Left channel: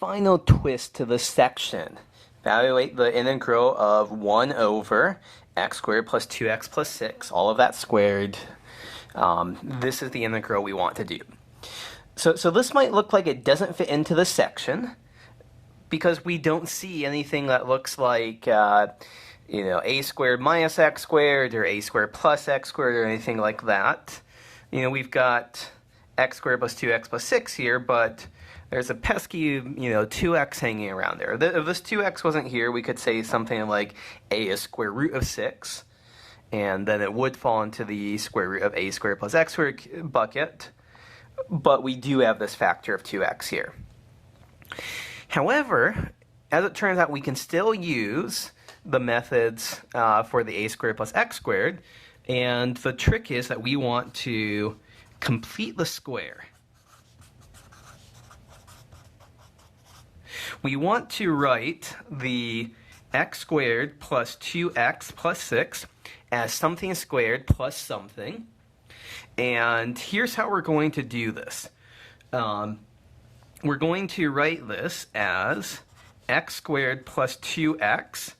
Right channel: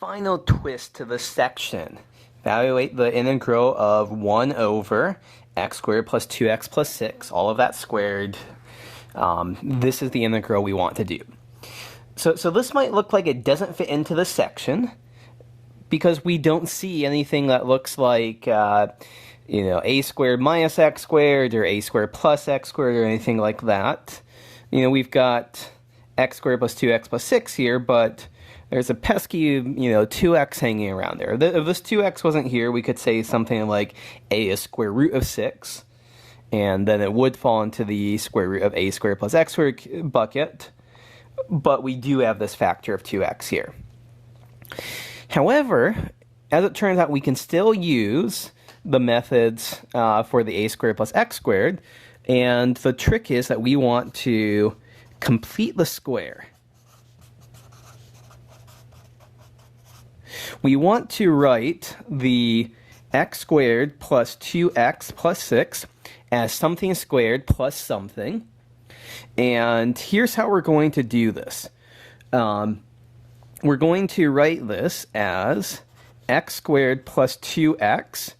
Final twist to the section. Evaluate the integral of 1 over x squared plus 2x plus 6, all of that squared. This is the integral we want to do. So this might look like it doesn't fit into the section because we don't see anything that looks like a squared minus x squared or a squared plus x squared or anything like that. We've got x squared plus 2x plus 6 here, but there's a pesky, 2x hanging around there. If this 2x wasn't here, we could say something like a is square root of 6, and then it would fall into the square root of a squared plus x squared bucket, but we do have this factor of 2x here. However, as it turns out, we can still use the methods for the a squared plus x squared, and the trick is that we want to complete the square. We want to write the x squared plus 2x plus 6 as something squared plus something. And here's how we're going to do this. We're going to write this as x squared plus 2x.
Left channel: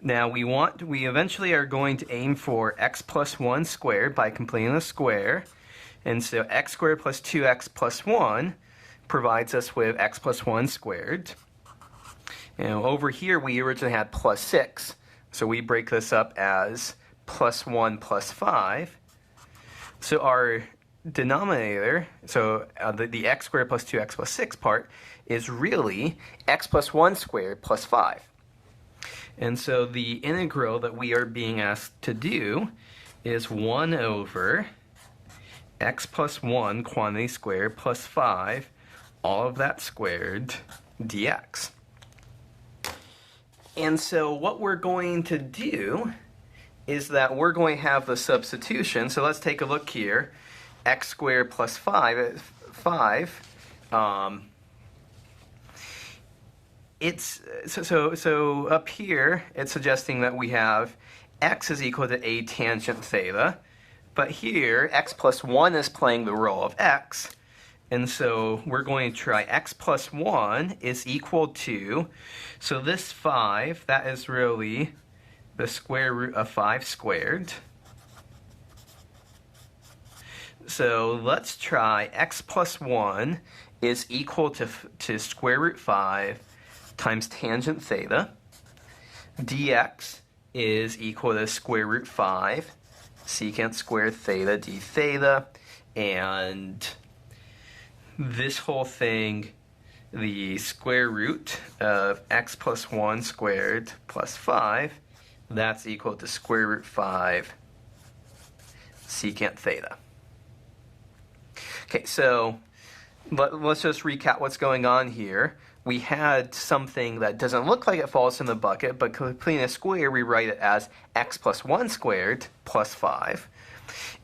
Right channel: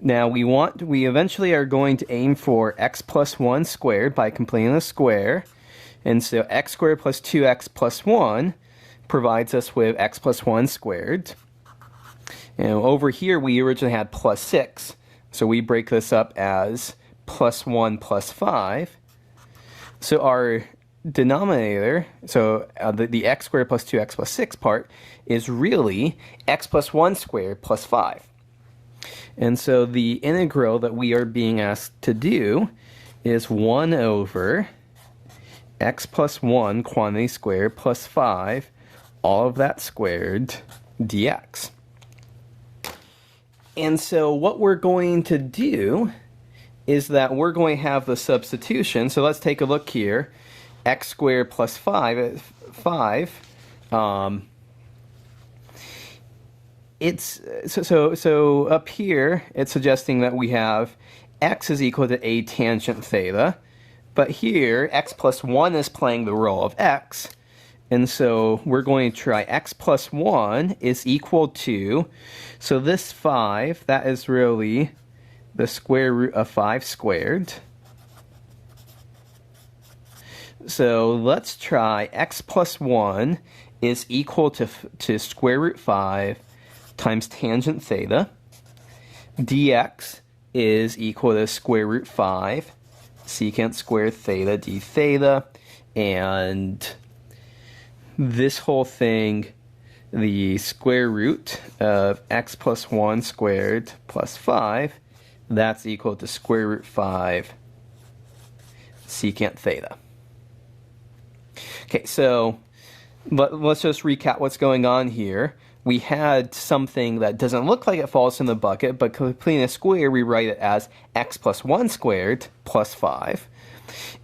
Now we eventually are going to aim for x plus 1 squared by completing the square. And so x squared plus 2x plus 1 provides us with x plus 1 squared. Over here, we originally had plus 6, so we break this up as plus 1 plus 5. So our denominator, the x squared plus 2x plus 6 part, is really x plus 1 squared plus 5. And so the integral that we are being asked to do is 1 over x plus 1 quantity squared plus 5, all of that squared, dx. And so what we're going to do is that we're going to have the substitution. So let's take a look here. X squared plus 5. So up here, it's suggesting that we have x is equal to a tangent theta. But here, x plus 1 is playing the role of x. And so we're going to try x plus 1 is equal to, so this 5, that is really the square root of 5 squared. So let's try x plus 1 is equal to square root 5 times tangent theta. Dx is equal to square root 5 secant squared theta d theta. And this whole thing, the square root of x plus 1 squared plus 5, that's equal to square root 5 secant theta. Okay, so let's just recap what's going on here. We had something that doesn't look like it falls in the bucket, but completing a square, we write it as x plus 1 squared plus 5.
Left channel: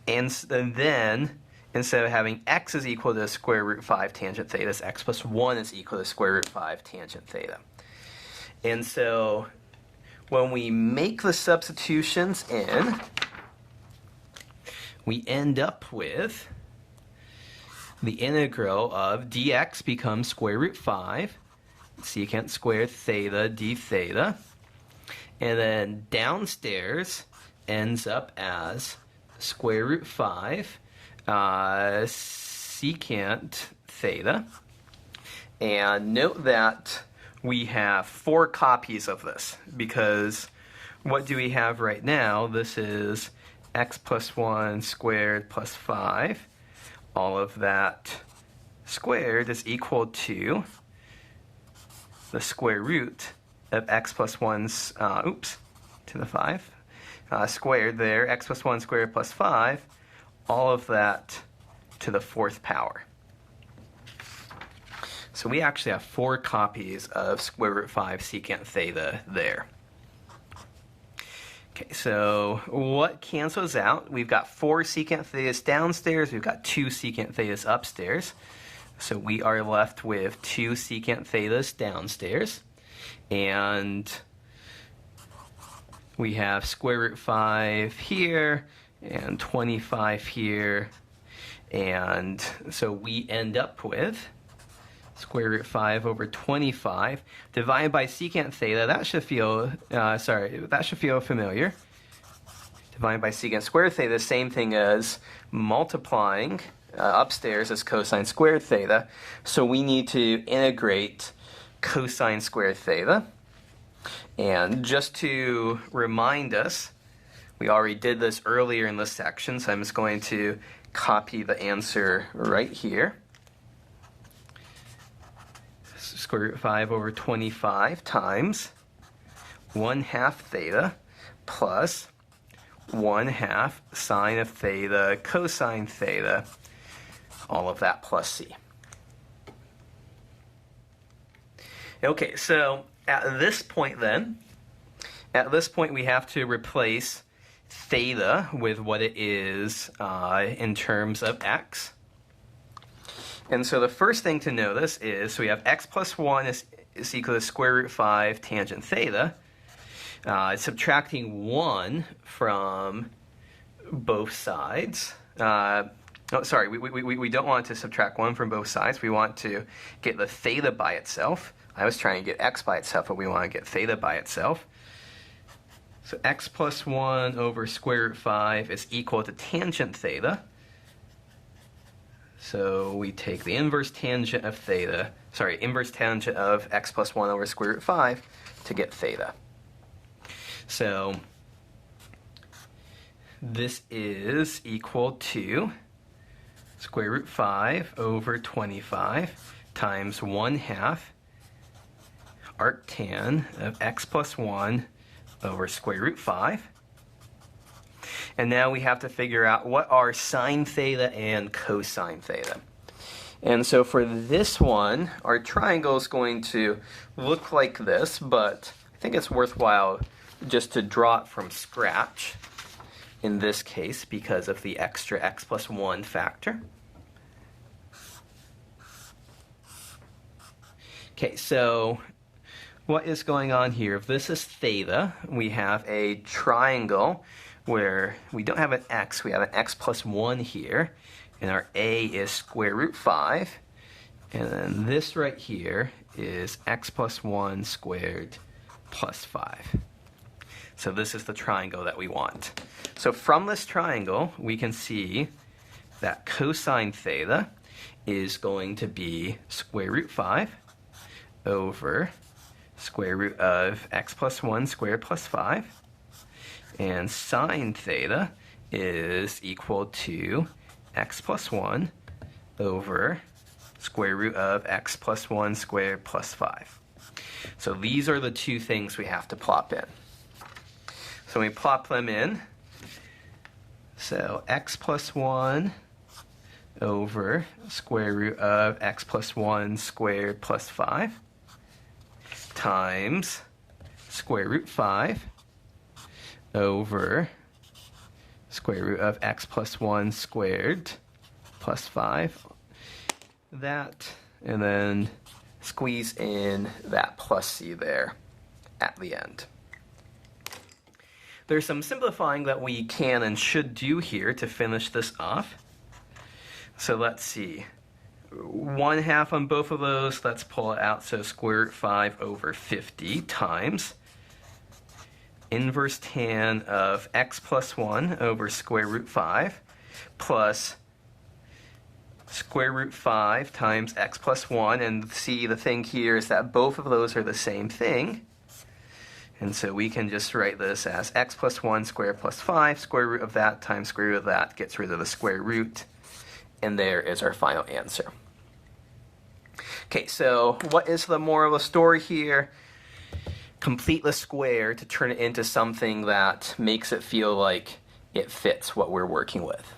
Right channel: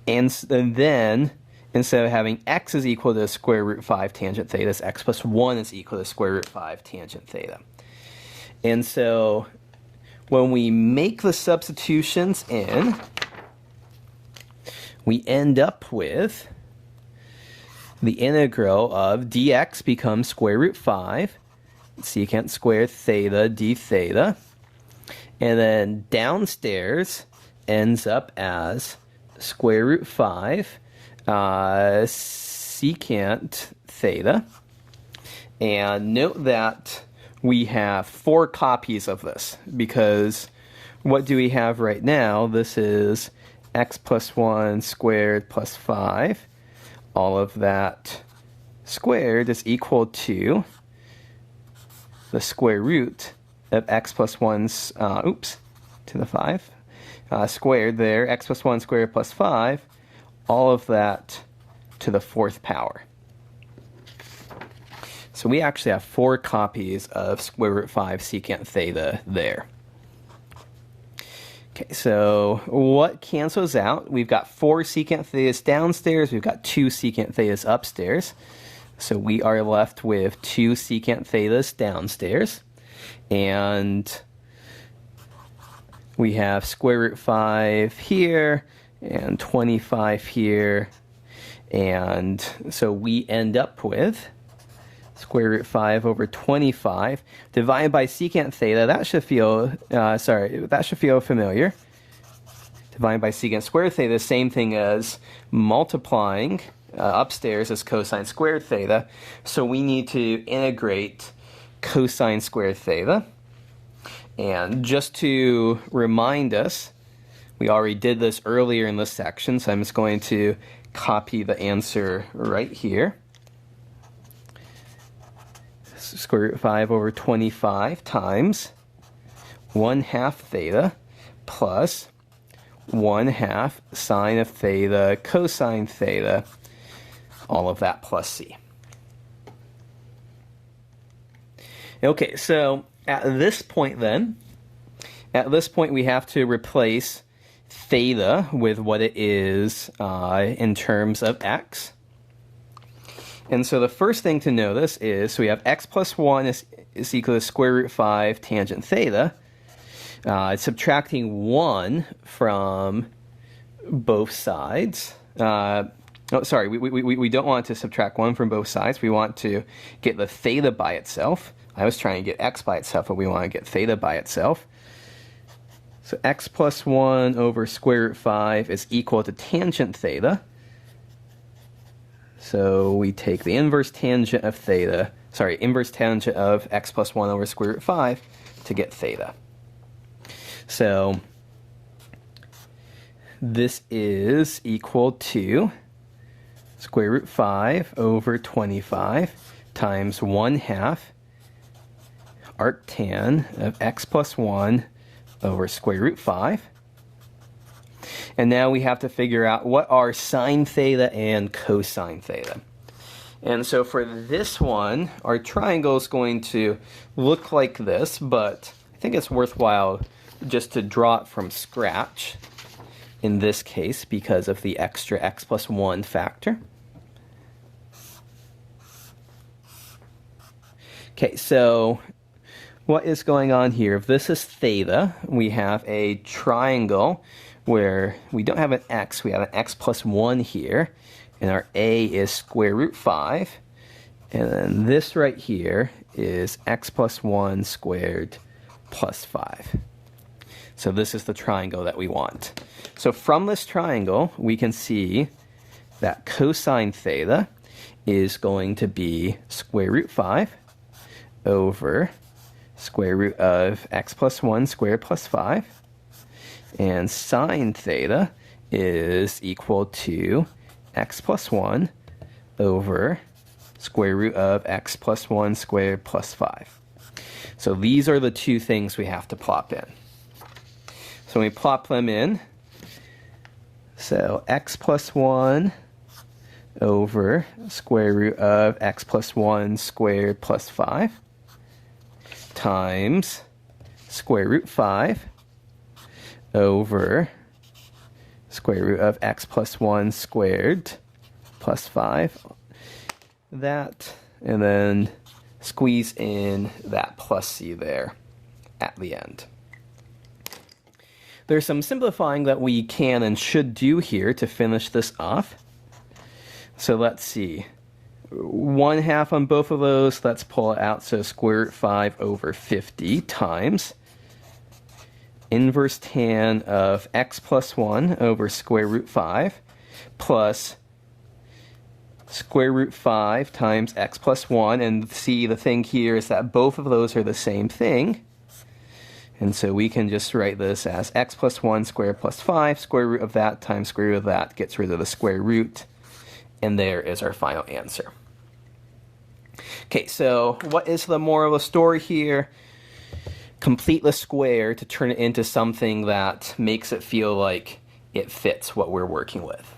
And then, instead of having x is equal to square root 5 tangent theta, x plus 1 is equal to square root 5 tangent theta. And so when we make the substitutions in, we end up with the integral of dx becomes square root 5 secant squared theta d theta. And then downstairs ends up as square root 5 secant theta. And note that we have 4 copies of this, because what do we have right now? This is x plus 1 squared plus 5. All of that squared is equal to the square root of x plus 1, to the 5, squared there, x plus 1 squared plus 5, all of that to the 4th power. So we actually have 4 copies of square root 5 secant theta there. Okay, so what cancels out? We've got 4 secant thetas downstairs, we've got 2 secant thetas upstairs. So we are left with 2 secant thetas downstairs. And we have square root 5 here, and 25 here. And so we end up with square root 5 over 25 divided by secant theta. That should feel, that should feel familiar. Divided by secant squared theta, same thing as multiplying upstairs as cosine squared theta. So we need to integrate cosine squared theta. And just to remind us, we already did this earlier in this section, so I'm just going to copy the answer right here. Square root 5 over 25 times 1/2 theta plus 1/2 sine of theta cosine theta, all of that plus c. Okay, so at this point we have to replace theta with what it is in terms of x. And so the first thing to notice is, so we have x plus 1 is equal to square root 5 tangent theta. Subtracting 1 from both sides. We don't want to subtract 1 from both sides. We want to get the theta by itself. I was trying to get x by itself, but we want to get theta by itself. So x plus 1 over square root 5 is equal to tangent theta. So we take the inverse tangent of inverse tangent of x plus 1 over square root 5 to get theta. So this is equal to square root 5 over 25 times 1/2 arctan of x plus 1 over square root 5. And now we have to figure out what are sine theta and cosine theta. And so for this one, our triangle is going to look like this, but I think it's worthwhile just to draw it from scratch in this case because of the extra x plus 1 factor. Okay, so what is going on here? If this is theta, we have a triangle where we don't have an x, we have an x plus 1 here, and our a is square root 5, and then this right here is x plus 1 squared plus 5. So this is the triangle that we want. So from this triangle, we can see that cosine theta is going to be square root 5 over square root of x plus 1 squared plus 5. And sine theta is equal to x plus 1 over square root of x plus 1 squared plus 5. So these are the two things we have to plop in. So we plop them in. So x plus 1 over square root of x plus 1 squared plus 5 times square root 5 over square root of x plus 1 squared plus 5. That, and then squeeze in that plus c there at the end. There's some simplifying that we can and should do here to finish this off. So let's see. 1/2 on both of those, let's pull it out. So square root 5 over 50 times inverse tan of x plus 1 over square root 5 plus square root 5 times x plus 1. And see, the thing here is that both of those are the same thing. And so we can just write this as x plus 1 squared plus 5, square root of that times square root of that gets rid of the square root. And there is our final answer. Okay, so what is the moral of the story here? Complete the square to turn it into something that makes it feel like it fits what we're working with.